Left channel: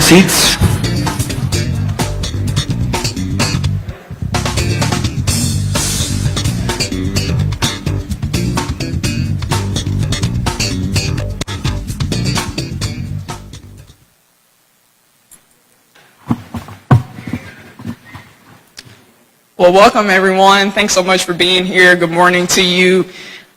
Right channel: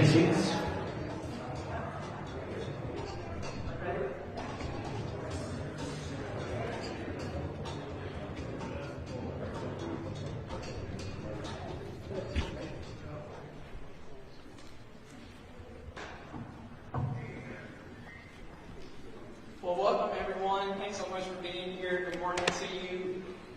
take seats. Well, welcome everyone. Thanks so much for being here. Good morning to you.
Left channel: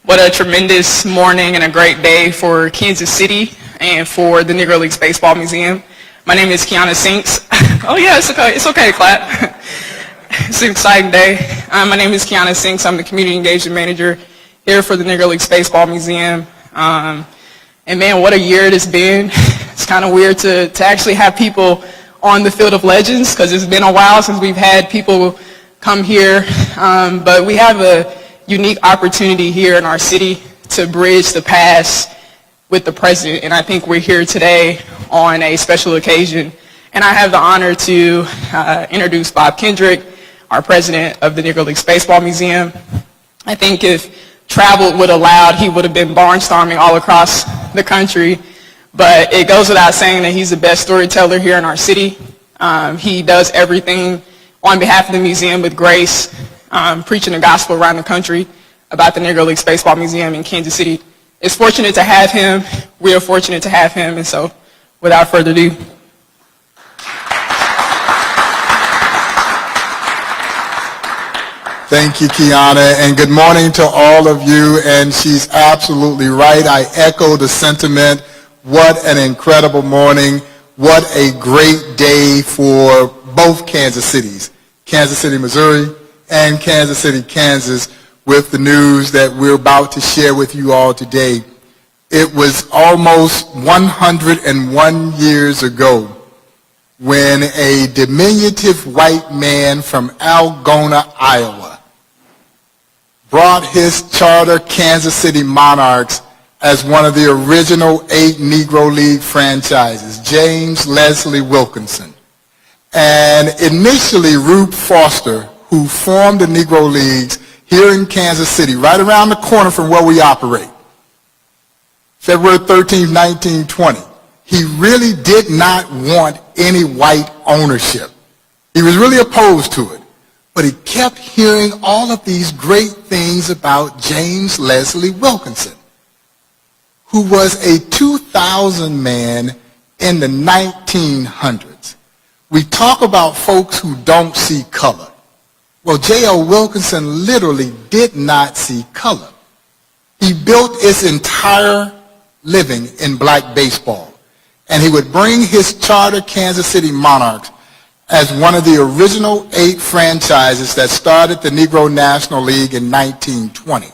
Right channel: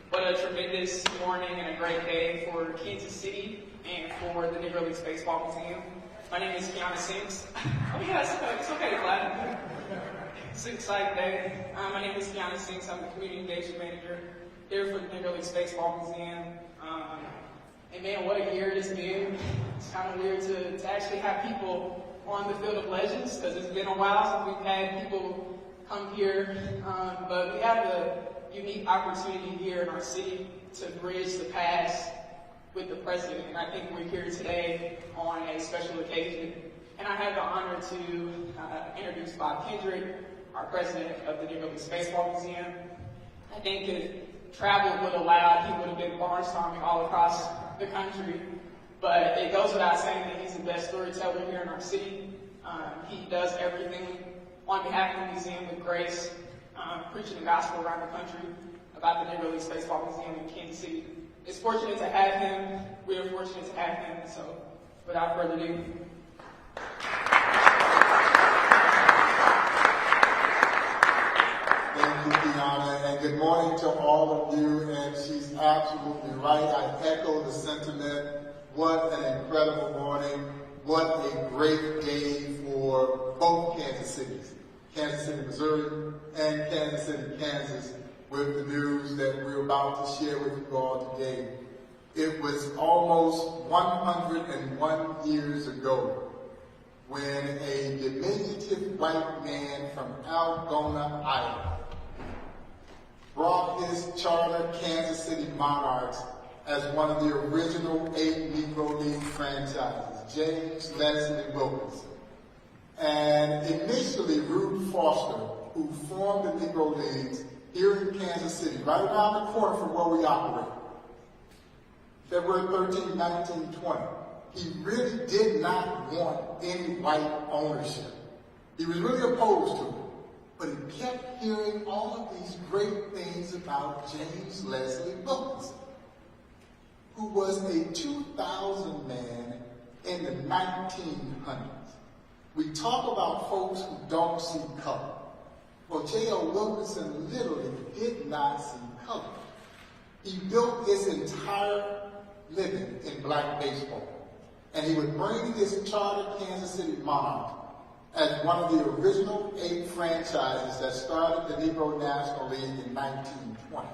What a tremendous morning and a great day for Kansas City and for the Negro Leagues Baseball Museum. My name is Kiana Sinks. Oh yeah, it's okay. It's okay to clap. It's an exciting day. My name is Kiana Sinks. I'm the Community Engagement Manager here for the Negro Leagues Baseball Museum. And man, what a year it has been. It's kind of weird to actually have people on the Field of Legends because it's been a while since we've had people come here, but we have a unique opportunity here in our city to bridge the past with the present, and I think we're here today on a special occasion. And I have the honor to introduce Bob Kendrick, our president of the Negro Leagues Baseball Museum. I think if travel would allow, he would have been barnstorming all across the country, but it goes without saying that he's the best storyteller here in our city. He does everything on behalf of the museum with grace, preaching the gospel around the country about the Negro Leagues Baseball Museum in Kansas City. It's fortunate to have him. We are fortunate to have him, and so without further ado. Thank you, Kiana, and good morning to all of you, and she's absolutely right. I echo the sentiment. What an incredible morning. What a great day for both Kansas Cities, Kansas City, Missouri, and Kansas City, Kansas, with the news that we're about to share with you all today. It was almost 101 years ago when a diminutive white man from Algona, Iowa, brought his charter Kansas City Monarchs as one of the original 8 Negro League franchises, James Leslie Wilkinson. And initially, Rube Foster, who formed the Negro Leagues here in Kansas City, right around the corner from where we operate, February 13, 1920, he really did not want any white ownership. He was really opposed to it. But he kept hearing all of these great things about James Leslie Wilkinson, who was a 2,000 man in the 1900s. We talk about folks who don't see color. Well, J.L. Wilkinson literally did not see color. He built his entire living in black baseball, and he would bring his charter Kansas City Monarchs as one of the original 8 franchises that started the Negro National League in 1920.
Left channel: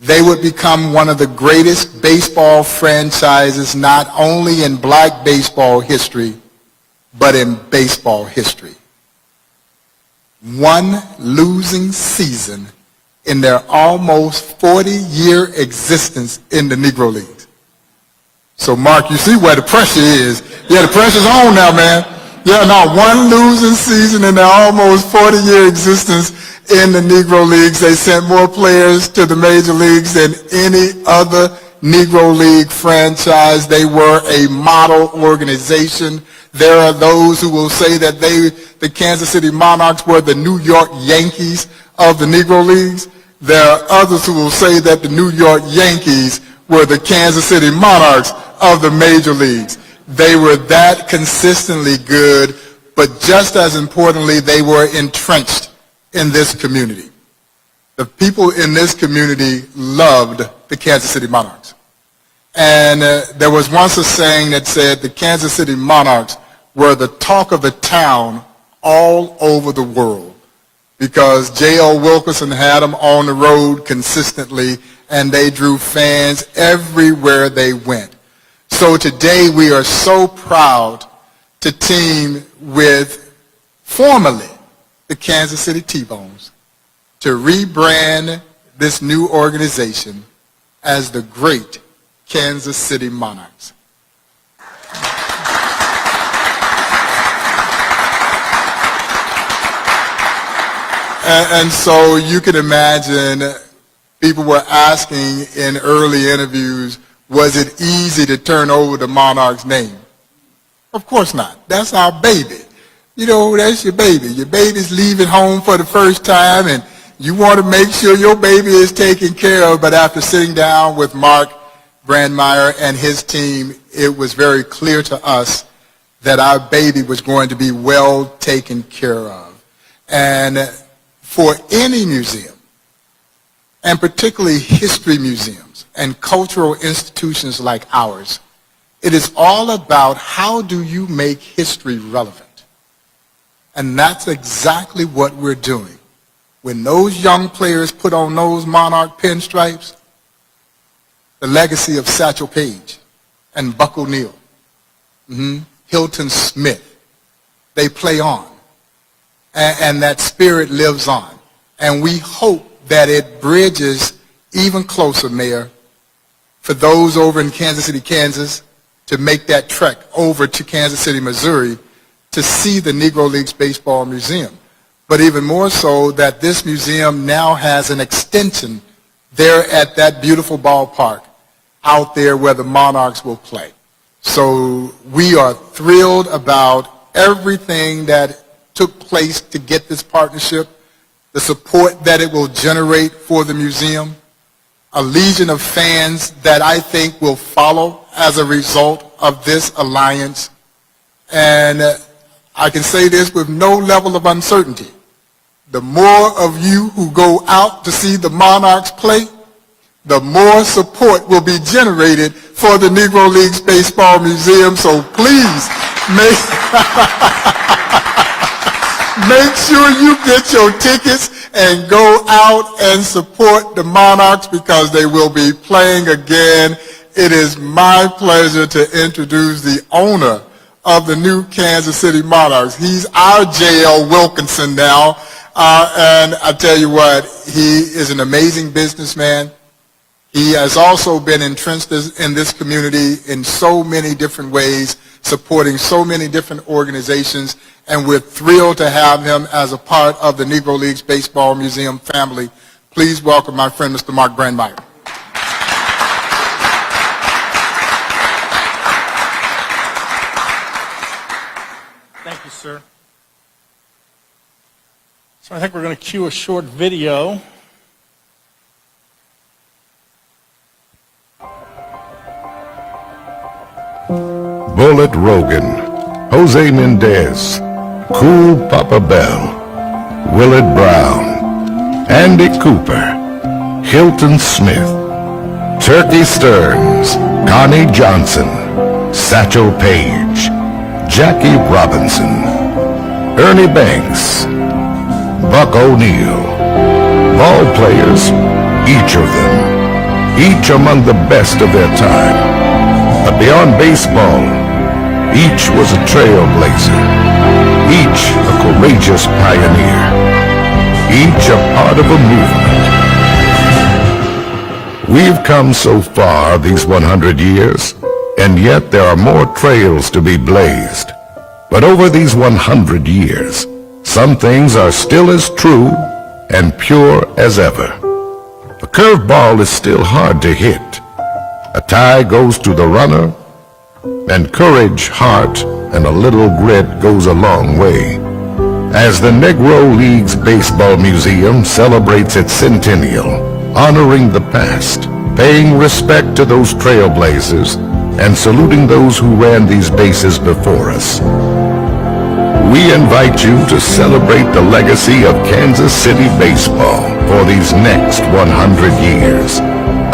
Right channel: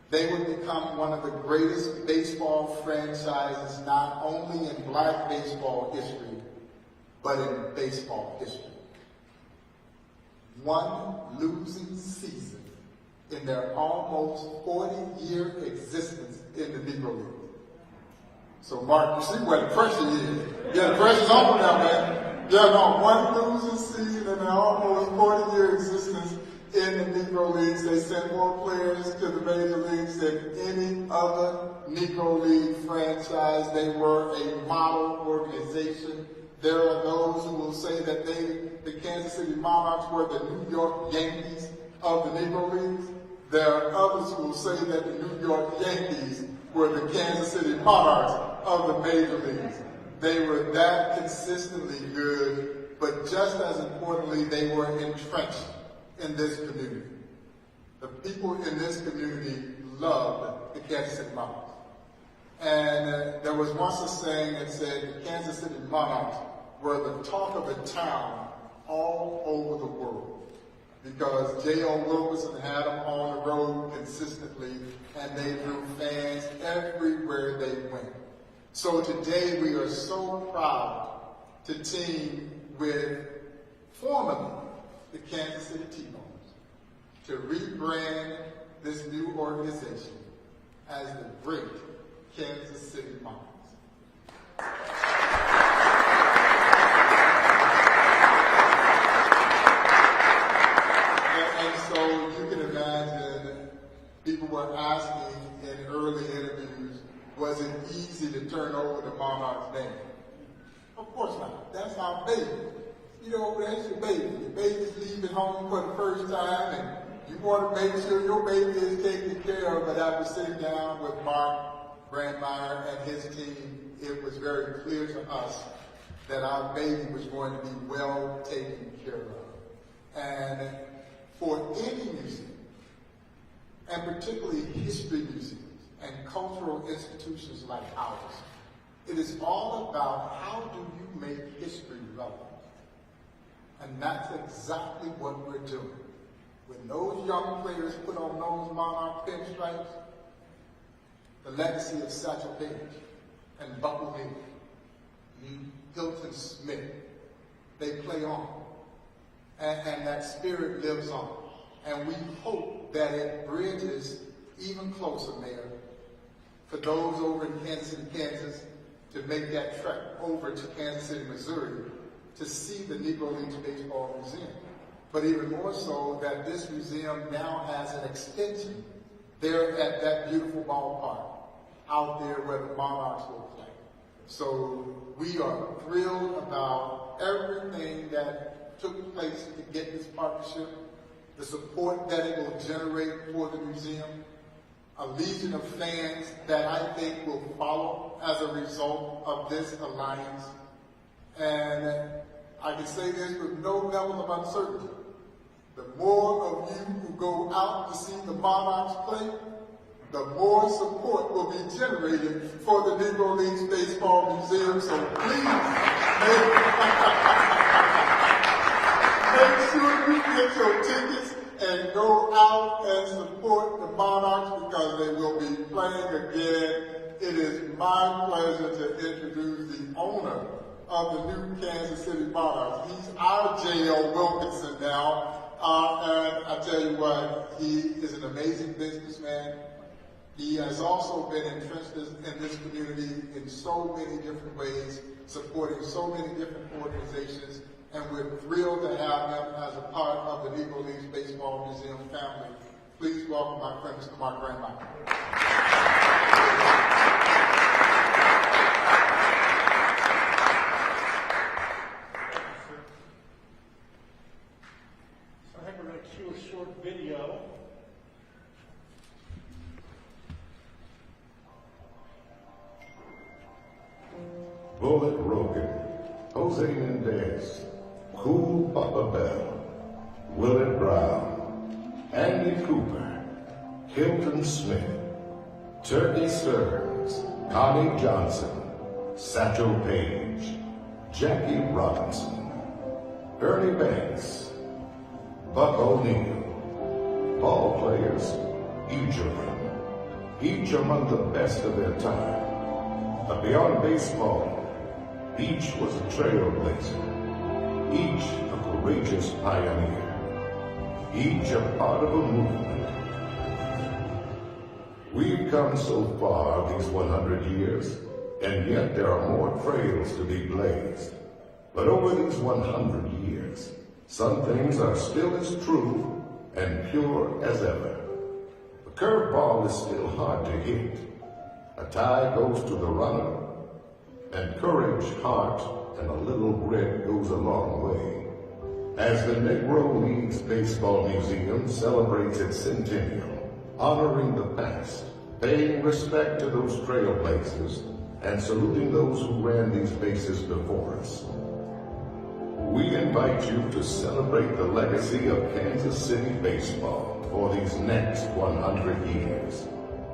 They would become one of the greatest baseball franchises not only in black baseball history, but in baseball history. One losing season in their almost 40-year existence in the Negro Leagues. So Mark, you see where the pressure is. Yeah, the pressure's on now, man. Yeah, no, one losing season in their almost 40-year existence in the Negro Leagues. They sent more players to the major leagues than any other Negro League franchise. They were a model organization. There are those who will say that the Kansas City Monarchs were the New York Yankees of the Negro Leagues. There are others who will say that the New York Yankees were the Kansas City Monarchs of the major leagues. They were that consistently good, but just as importantly, they were entrenched in this community. The people in this community loved the Kansas City Monarchs. And there was once a saying that said the Kansas City Monarchs were the talk of the town all over the world because J.L. Wilkinson had them on the road consistently, and they drew fans everywhere they went. So today we are so proud to team with formerly the Kansas City T-Bones to rebrand this new organization as the great Kansas City Monarchs. And so you can imagine people were asking in early interviews, was it easy to turn over the Monarchs name? Of course not. That's our baby. You know, that's your baby. Your baby's leaving home for the first time, and you want to make sure your baby is taken care of. But after sitting down with Mark Brandmeier and his team, it was very clear to us that our baby was going to be well taken care of. And for any museum, and particularly history museums and cultural institutions like ours, it is all about how do you make history relevant. And that's exactly what we're doing. When those young players put on those Monarch pinstripes, the legacy of Satchel Paige and Buck O'Neill, Hilton Smith, they play on. And that spirit lives on. And we hope that it bridges even closer, Mayor, for those over in Kansas City, Kansas, to make that trek over to Kansas City, Missouri, to see the Negro Leagues Baseball Museum. But even more so that this museum now has an extension there at that beautiful ballpark out there where the Monarchs will play. So we are thrilled about everything that took place to get this partnership, the support that it will generate for the museum, a legion of fans that I think will follow as a result of this alliance. And I can say this with no level of uncertainty. The more of you who go out to see the Monarchs play, the more support will be generated for the Negro Leagues Baseball Museum. So please make sure you get your tickets and go out and support the Monarchs because they will be playing again. It is my pleasure to introduce the owner of the new Kansas City Monarchs. He's our J.L. Wilkinson now. And I tell you what, he is an amazing businessman. He has also been entrenched in this community in so many different ways, supporting so many different organizations, and we're thrilled to have him as a part of the Negro Leagues Baseball Museum family. Please welcome my friend, Mr. Mark Brandmeier. Thank you, sir. So I think we're going to cue a short video. Bullet Rogan, Jose Mendez, Cool Papa Bell, Willard Brown, Andy Cooper, Hilton Smith, Turkey Stearns, Connie Johnson, Satchel Paige, Jackie Robinson, Ernie Banks, Buck O'Neill, ball players, each of them, each among the best of their time. But beyond baseball, each was a trailblazer, each a courageous pioneer, each a part of a movement. We've come so far these 100 years, and yet there are more trails to be blazed. But over these 100 years, some things are still as true and pure as ever. A curveball is still hard to hit. A tie goes to the runner, and courage, heart, and a little grit goes a long way. As the Negro Leagues Baseball Museum celebrates its centennial, honoring the past, paying respect to those trailblazers, and saluting those who ran these bases before us, we invite you to celebrate the legacy of Kansas City baseball for these next 100 years.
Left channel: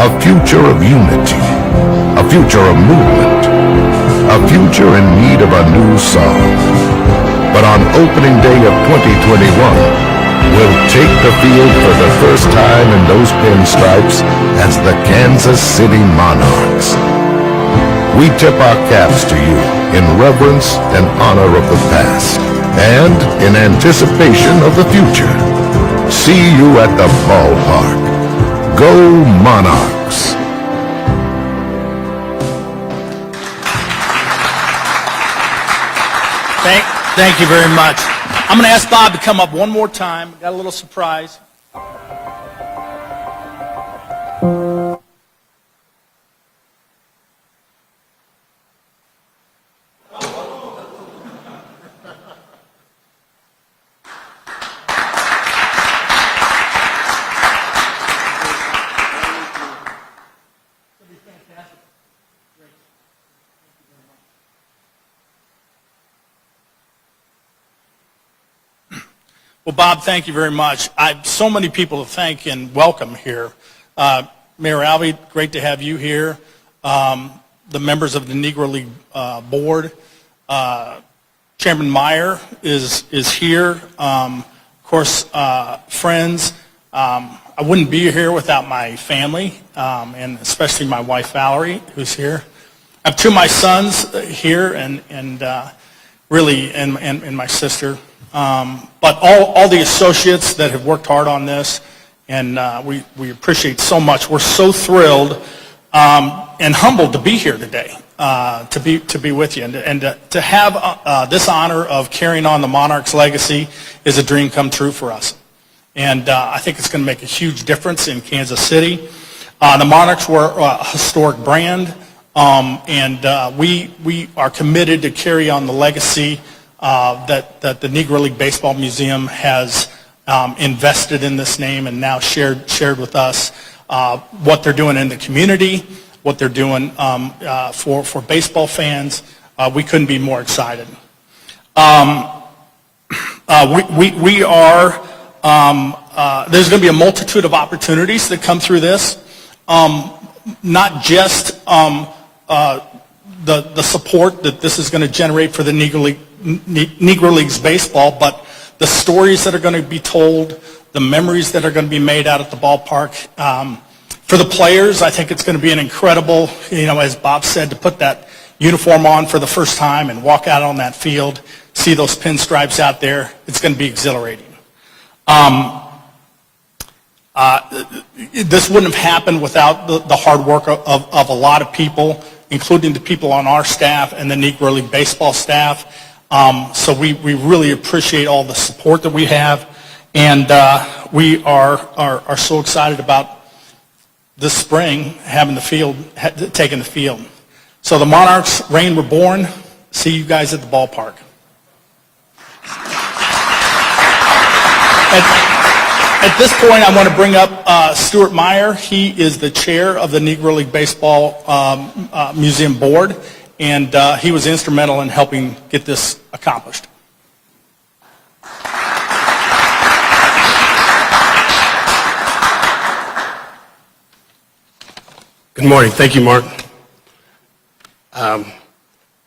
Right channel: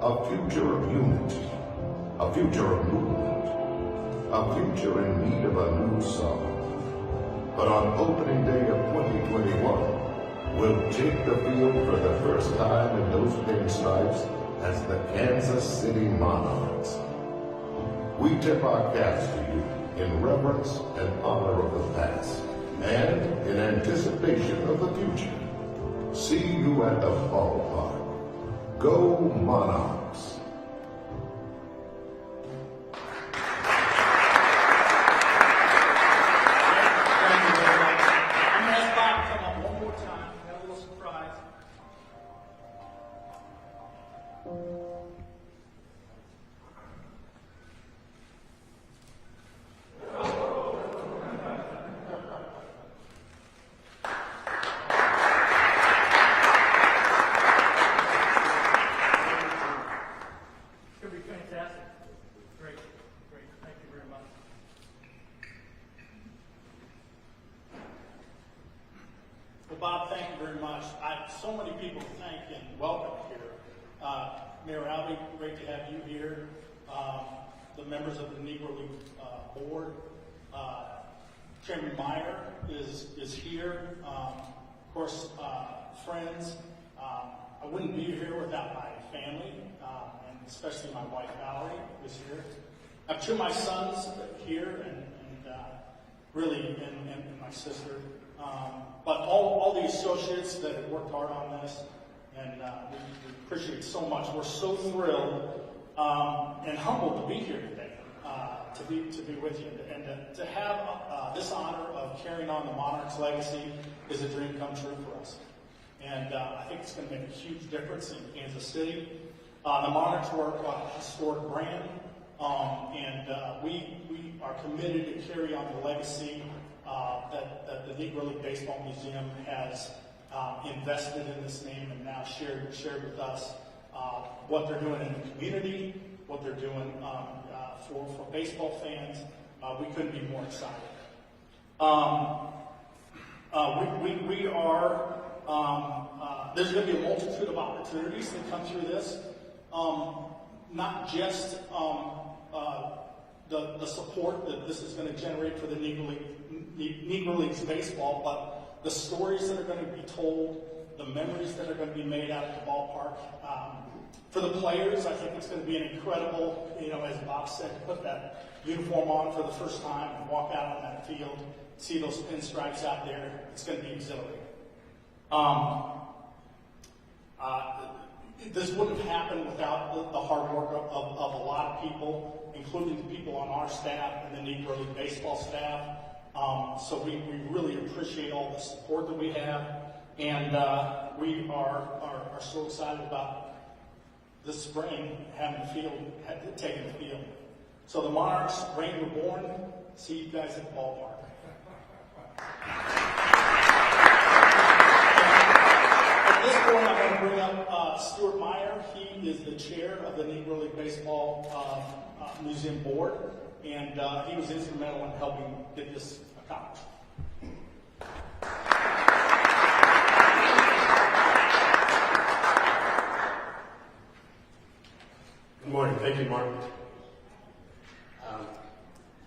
A future of unity, a future of movement, a future in need of a new song. But on opening day of 2021, we'll take the field for the first time in those pinstripes as the Kansas City Monarchs. We tip our caps to you in reverence and honor of the past, and in anticipation of the future. See you at the ballpark. Go Monarchs! Thank you very much. I'm going to ask Bob to come up one more time. Got a little surprise. Well, Bob, thank you very much. So many people to thank and welcome here. Mayor Alvey, great to have you here. The members of the Negro League Board. Chairman Meyer is here. Of course, friends. I wouldn't be here without my family, and especially my wife, Valerie, who's here. I have two of my sons here, and really, and my sister. But all the associates that have worked hard on this, and we appreciate so much. We're so thrilled and humbled to be here today, to be with you, and to have this honor of carrying on the Monarchs' legacy is a dream come true for us. And I think it's going to make a huge difference in Kansas City. The Monarchs were a historic brand, and we are committed to carry on the legacy that the Negro League Baseball Museum has invested in this name and now shared with us what they're doing in the community, what they're doing for baseball fans. We couldn't be more excited. We are, there's going to be a multitude of opportunities that come through this, not just the support that this is going to generate for the Negro Leagues Baseball, but the stories that are going to be told, the memories that are going to be made out at the ballpark. For the players, I think it's going to be an incredible, as Bob said, to put that uniform on for the first time and walk out on that field, see those pinstripes out there. It's going to be exhilarating. This wouldn't have happened without the hard work of a lot of people, including the people on our staff and the Negro League Baseball staff. So we really appreciate all the support that we have, and we are so excited about this spring having taking the field. So the Monarchs reign reborn. See you guys at the ballpark. At this point, I want to bring up Stuart Meyer. He is the chair of the Negro League Baseball Museum Board, and he was instrumental in helping get this accomplished. Good morning. Thank you, Mark.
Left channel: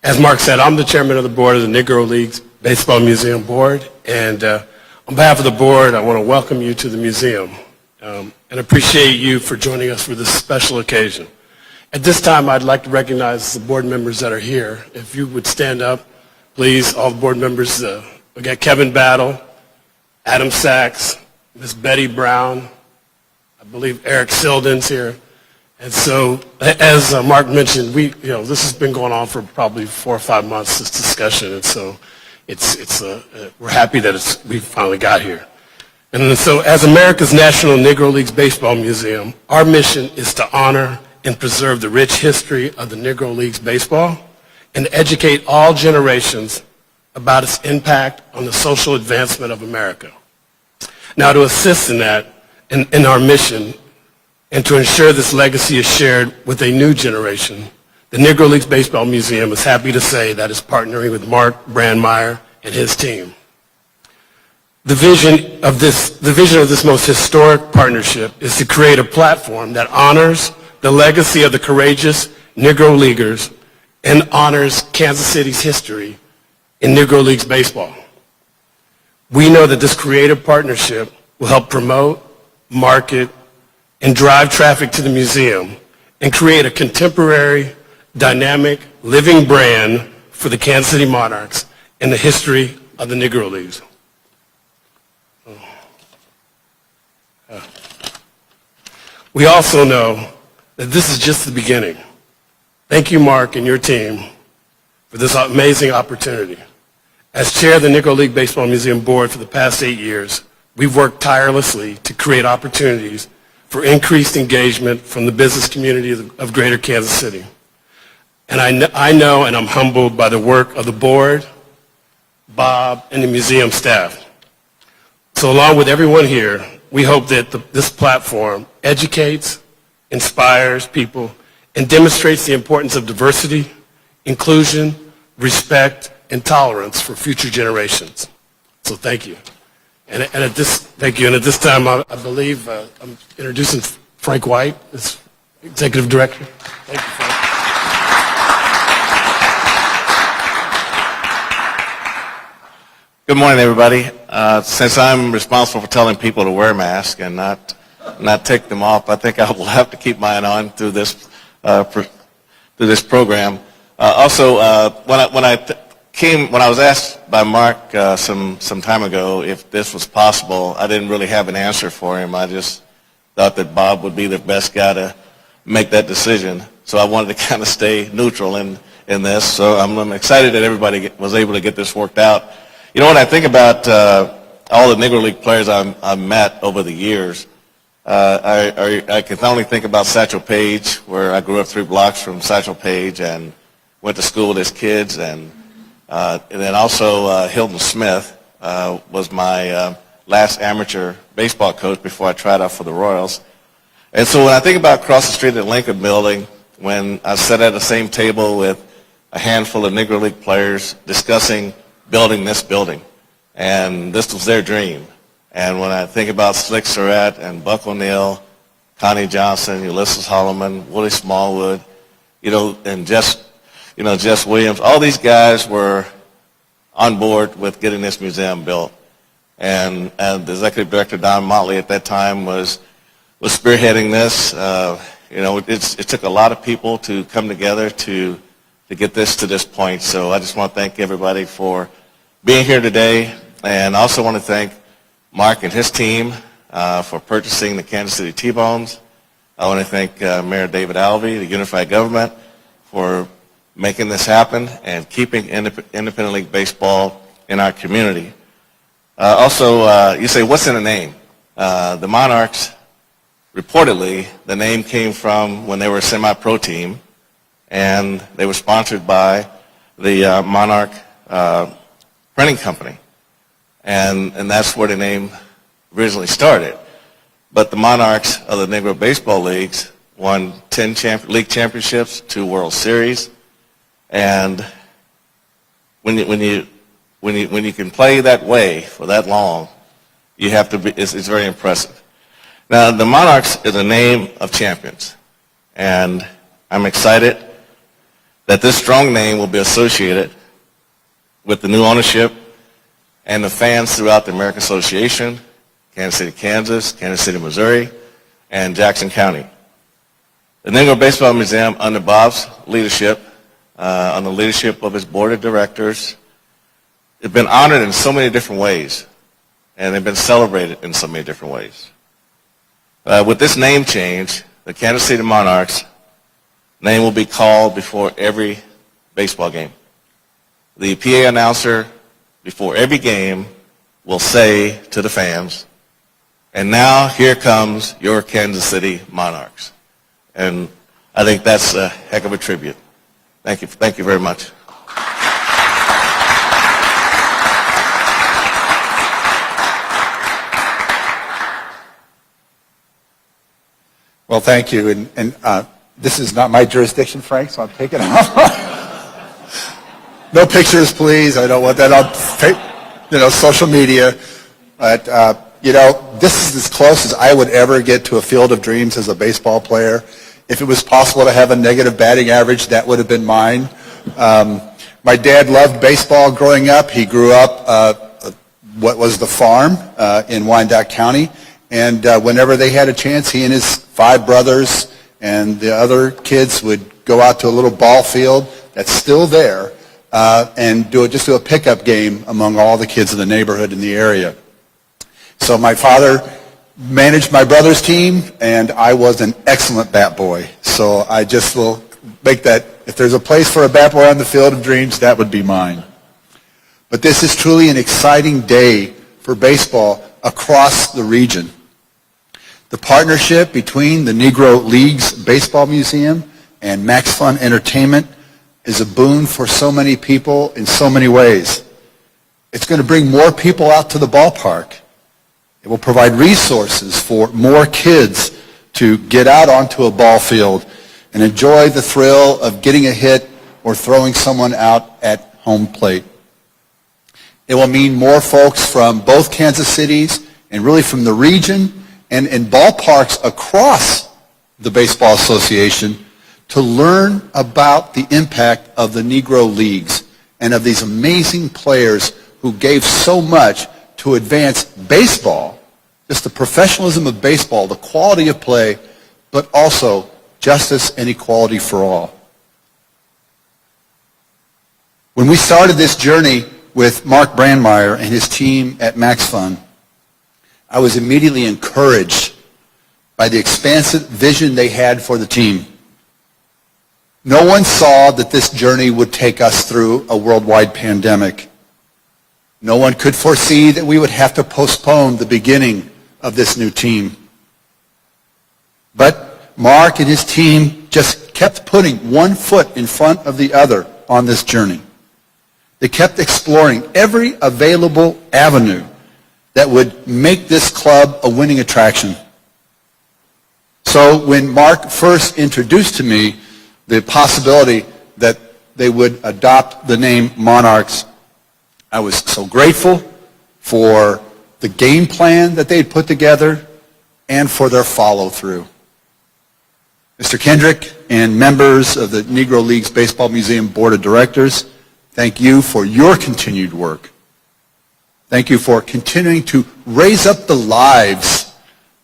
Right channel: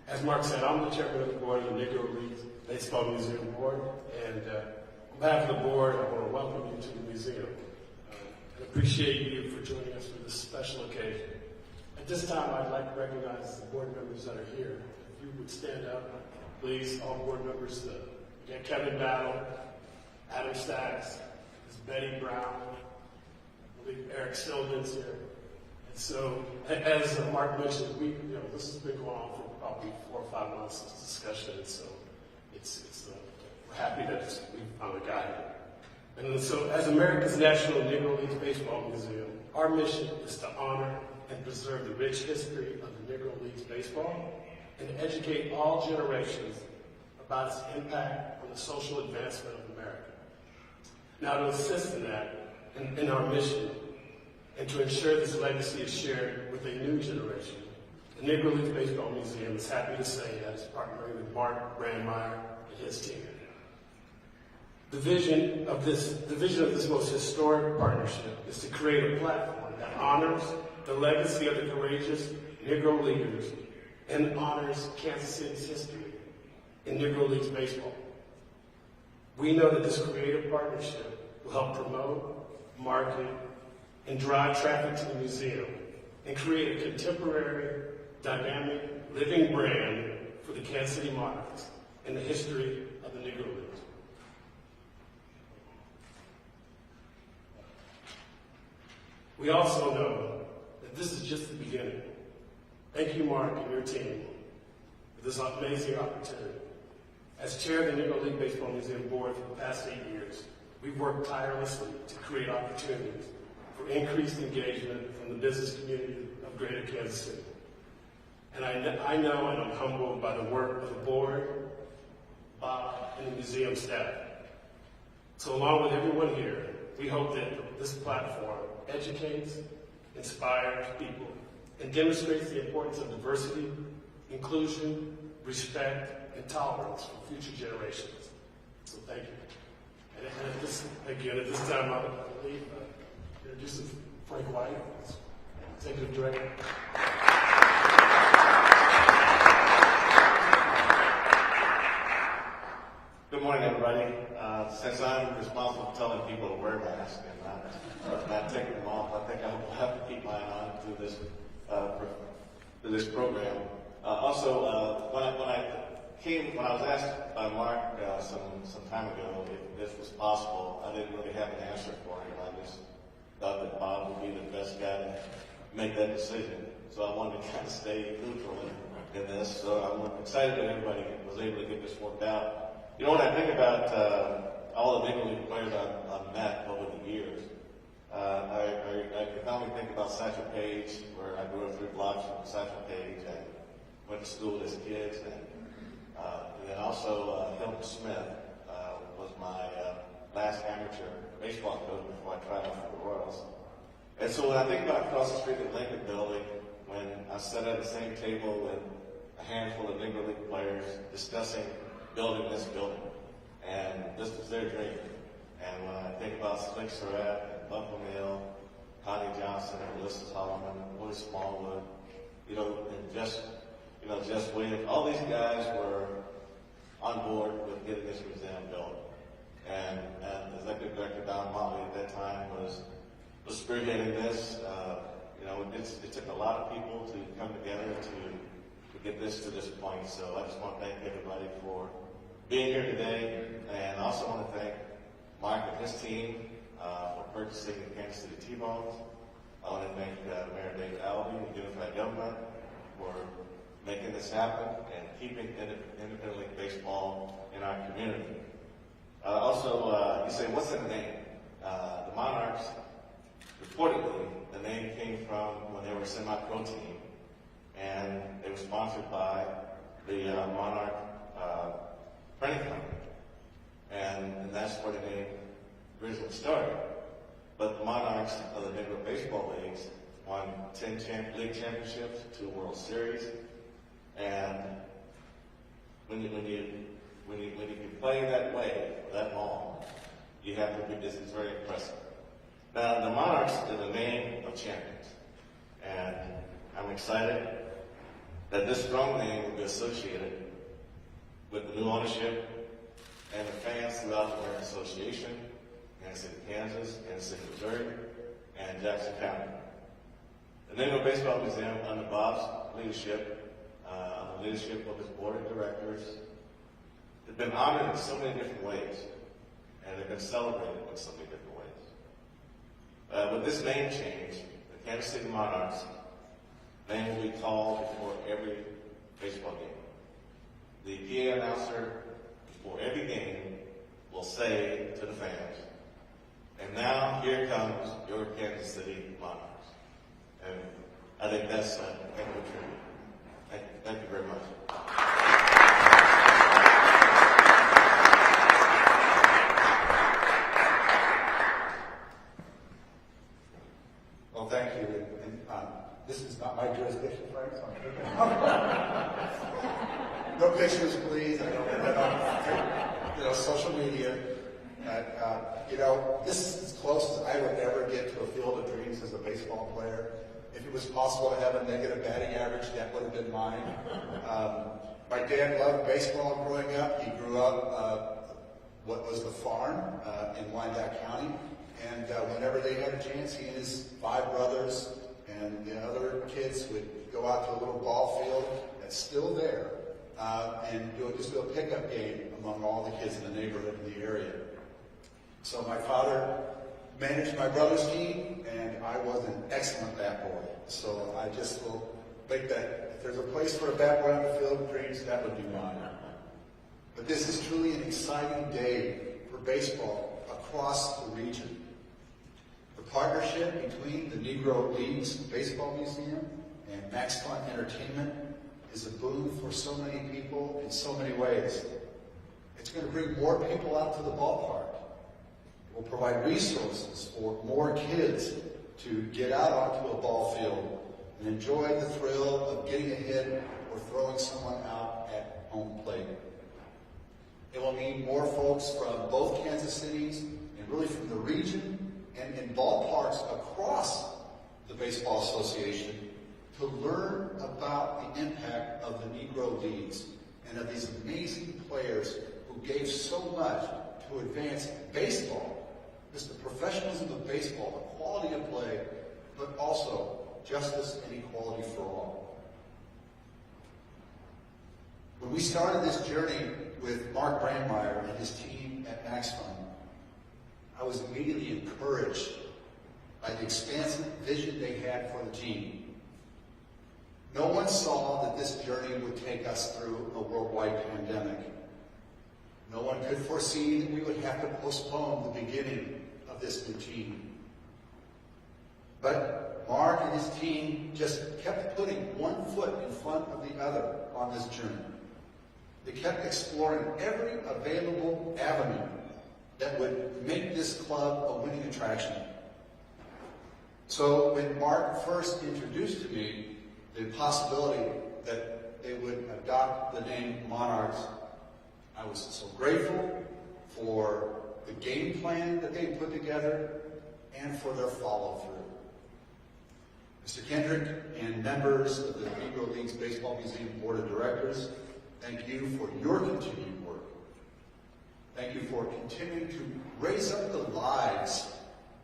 As Mark said, I'm the chairman of the board of the Negro Leagues Baseball Museum Board, and on behalf of the board, I want to welcome you to the museum and appreciate you for joining us for this special occasion. At this time, I'd like to recognize the board members that are here. If you would stand up, please, all the board members. We got Kevin Battle, Adam Sachs, Ms. Betty Brown, I believe Eric Silden's here. And so, as Mark mentioned, this has been going on for probably 4 or 5 months, this discussion, and so we're happy that we finally got here. And so, as America's National Negro Leagues Baseball Museum, our mission is to honor and preserve the rich history of the Negro Leagues Baseball and educate all generations about its impact on the social advancement of America. Now, to assist in that, in our mission, and to ensure this legacy is shared with a new generation, the Negro Leagues Baseball Museum is happy to say that it's partnering with Mark Brandmeier and his team. The vision of this most historic partnership is to create a platform that honors the legacy of the courageous Negro Leaguers and honors Kansas City's history in Negro Leagues baseball. We know that this creative partnership will help promote, market, and drive traffic to the museum and create a contemporary, dynamic, living brand for the Kansas City Monarchs and the history of the Negro Leagues. We also know that this is just the beginning. Thank you, Mark, and your team for this amazing opportunity. As chair of the Negro League Baseball Museum Board for the past 8 years, we've worked tirelessly to create opportunities for increased engagement from the business community of Greater Kansas City. And I know and I'm humbled by the work of the board, Bob, and the museum staff. So along with everyone here, we hope that this platform educates, inspires people, and demonstrates the importance of diversity, inclusion, respect, and tolerance for future generations. So thank you. And at this, thank you. And at this time, I believe I'm introducing Frank White, as Executive Director. Thank you, Frank. Good morning, everybody. Since I'm responsible for telling people to wear masks and not take them off, I think I will have to keep mine on through this program. Also, when I was asked by Mark some time ago if this was possible, I didn't really have an answer for him. I just thought that Bob would be the best guy to make that decision. So I wanted to kind of stay neutral in this. So I'm excited that everybody was able to get this worked out. You know, when I think about all the Negro League players I've met over the years, I can only think about Satchel Paige, where I grew up 3 blocks from Satchel Paige and went to school with his kids, and then also Hilton Smith was my last amateur baseball coach before I tried out for the Royals. And so when I think about across the street at the Lincoln Building, when I sat at the same table with a handful of Negro League players discussing building this building, and this was their dream. And when I think about Slick Surratt and Buck O'Neill, Connie Johnson, Ulysses Holloman, Willie Smallwood, and Jess Williams, all these guys were on board with getting this museum built. And the executive director, Don Motley, at that time was spearheading this. It took a lot of people to come together to get this to this point. So I just want to thank everybody for being here today, and also want to thank Mark and his team for purchasing the Kansas City T-Bones. I want to thank Mayor David Alvey, the Unified Government, for making this happen and keeping independent league baseball in our community. Also, you say, what's in a name? The Monarchs, reportedly, the name came from when they were a semi-pro team, and they were sponsored by the Monarch Printing Company. And that's where the name originally started. But the Monarchs of the Negro Baseball Leagues won 10 league championships, 2 World Series, and when you can play that way for that long, you have to be. It's very impressive. Now, the Monarchs is a name of champions, and I'm excited that this strong name will be associated with the new ownership and the fans throughout the American Association, Kansas City, Kansas, Kansas City, Missouri, and Jackson County. The Negro Baseball Museum, under Bob's leadership, on the leadership of his board of directors, has been honored in so many different ways, and they've been celebrated in so many different ways. With this name change, the Kansas City Monarchs name will be called before every baseball game. The PA announcer before every game will say to the fans, "And now here comes your Kansas City Monarchs." And I think that's a heck of a tribute. Thank you. Thank you very much. Well, thank you. And this is not my jurisdiction, Frank, so I'm taking it off. No pictures, please. I don't want that on social media. But, this is as close as I would ever get to a field of dreams as a baseball player. If it was possible to have a negative batting average, that would have been mine. My dad loved baseball growing up. He grew up what was the farm in Wyandotte County. And whenever they had a chance, he and his 5 brothers and the other kids would go out to a little ball field that's still there and do a pickup game among all the kids in the neighborhood in the area. So my father managed my brother's team, and I was an excellent bat boy. So I just will make that, if there's a place for a bat boy on the field of dreams, that would be mine. But this is truly an exciting day for baseball across the region. The partnership between the Negro Leagues Baseball Museum and Max Fun Entertainment is a boon for so many people in so many ways. It's going to bring more people out to the ballpark. It will provide resources for more kids to get out onto a ball field and enjoy the thrill of getting a hit or throwing someone out at home plate. It will mean more folks from both Kansas Cities and really from the region and in ballparks across the Baseball Association to learn about the impact of the Negro Leagues and of these amazing players who gave so much to advance baseball, just the professionalism of baseball, the quality of play, but also justice and equality for all. When we started this journey with Mark Brandmeier and his team at Max Fund, I was immediately encouraged by the expansive vision they had for the team. No one saw that this journey would take us through a worldwide pandemic. No one could foresee that we would have to postpone the beginning of this new team. But Mark and his team just kept putting one foot in front of the other on this journey. They kept exploring every available avenue that would make this club a winning attraction. So when Mark first introduced to me the possibility that they would adopt the name Monarchs, I was so grateful for the game plan that they had put together and for their follow-through. Mr. Kendrick and members of the Negro Leagues Baseball Museum Board of Directors, thank you for your continued work. Thank you for continuing to raise up the lives,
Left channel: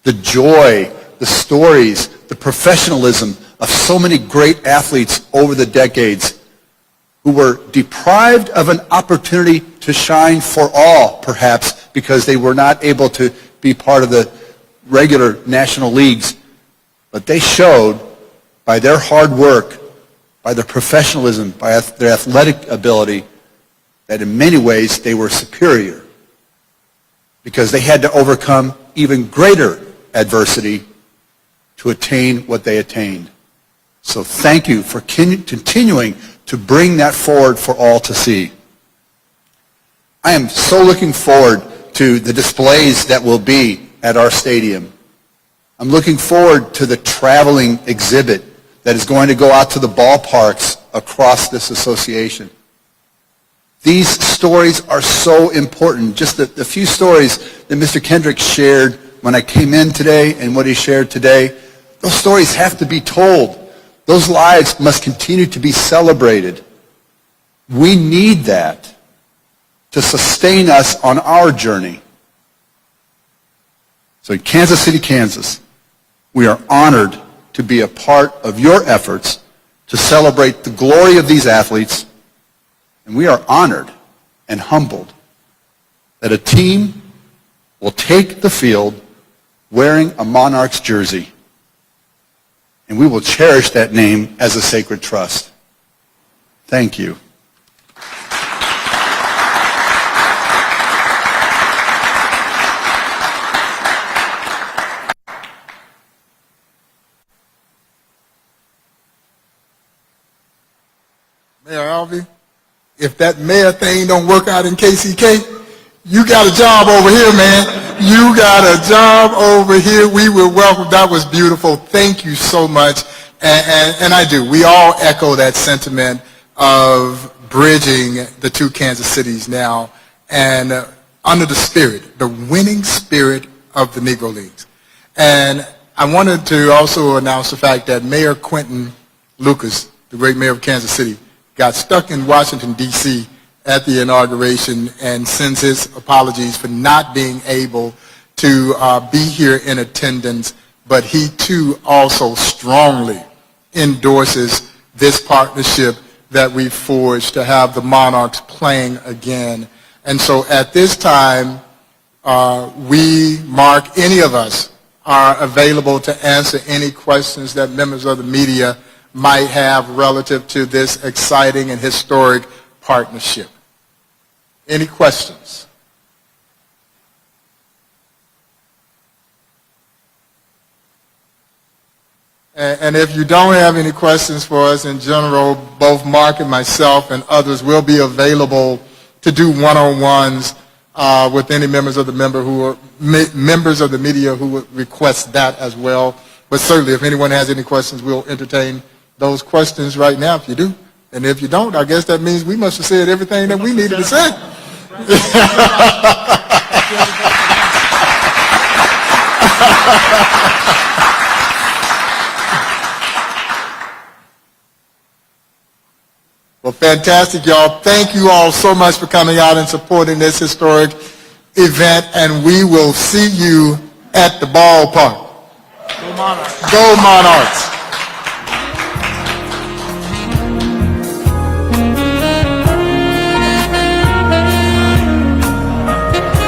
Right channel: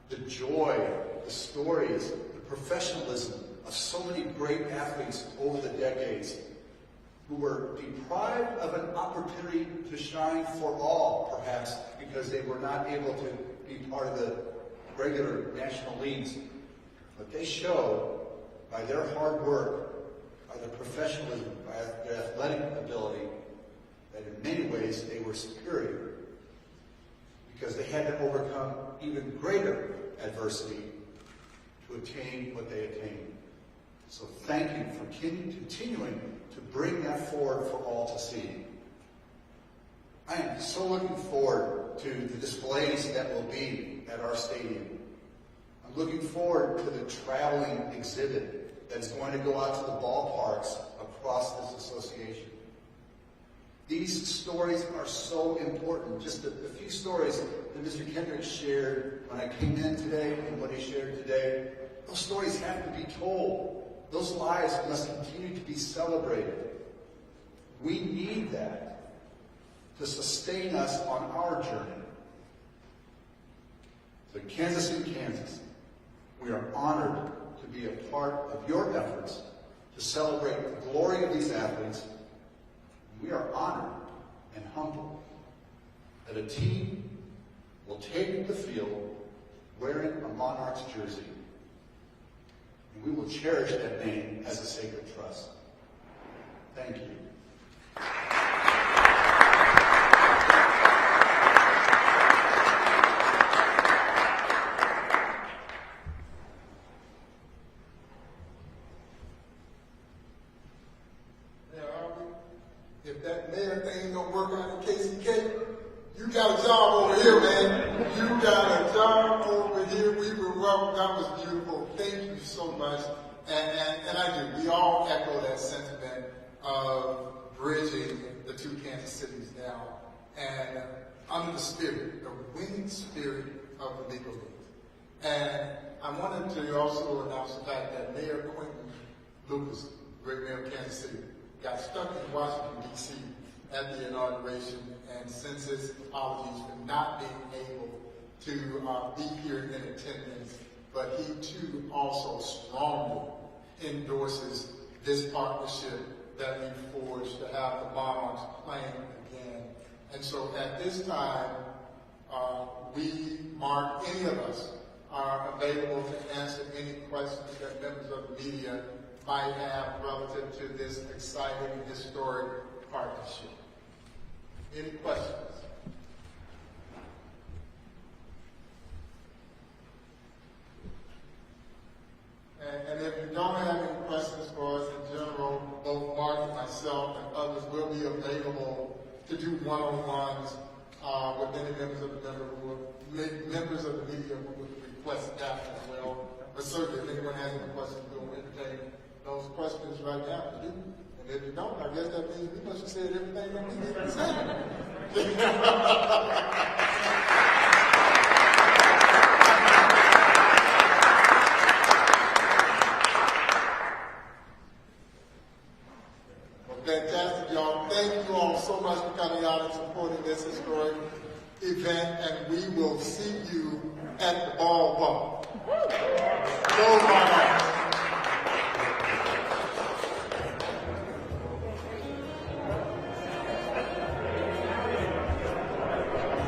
the joy, the stories, the professionalism of so many great athletes over the decades who were deprived of an opportunity to shine for all, perhaps, because they were not able to be part of the regular national leagues. But they showed by their hard work, by their professionalism, by their athletic ability, that in many ways they were superior because they had to overcome even greater adversity to attain what they attained. So thank you for continuing to bring that forward for all to see. I am so looking forward to the displays that will be at our stadium. I'm looking forward to the traveling exhibit that is going to go out to the ballparks across this association. These stories are so important. Just the few stories that Mr. Kendrick shared when I came in today and what he shared today, those stories have to be told. Those lives must continue to be celebrated. We need that to sustain us on our journey. So in Kansas City, Kansas, we are honored to be a part of your efforts to celebrate the glory of these athletes, and we are honored and humbled that a team will take the field wearing a Monarchs jersey, and we will cherish that name as a sacred trust. Thank you. Mayor Alvey, if that mayor thing don't work out in KCK, you got a job over here, man. You got a job over here. We will welcome. That was beautiful. Thank you so much. And I do. We all echo that sentiment of bridging the two Kansas cities now and under the spirit, the winning spirit of the Negro Leagues. And I wanted to also announce the fact that Mayor Quentin Lucas, the great mayor of Kansas City, got stuck in Washington, D.C. at the inauguration and sends his apologies for not being able to be here in attendance, but he too also strongly endorses this partnership that we forged to have the Monarchs playing again. And so at this time, we, Mark, any of us are available to answer any questions that members of the media might have relative to this exciting and historic partnership. Any questions? And if you don't have any questions for us in general, both Mark and myself and others will be available to do one-on-ones with any members of the members of the media who would request that as well. But certainly, if anyone has any questions, we'll entertain those questions right now if you do. And if you don't, I guess that means we must have said everything that we needed to say. Well, fantastic, y'all. Thank you all so much for coming out and supporting this historic event, and we will see you at the ballpark. Go Monarchs. Go Monarchs.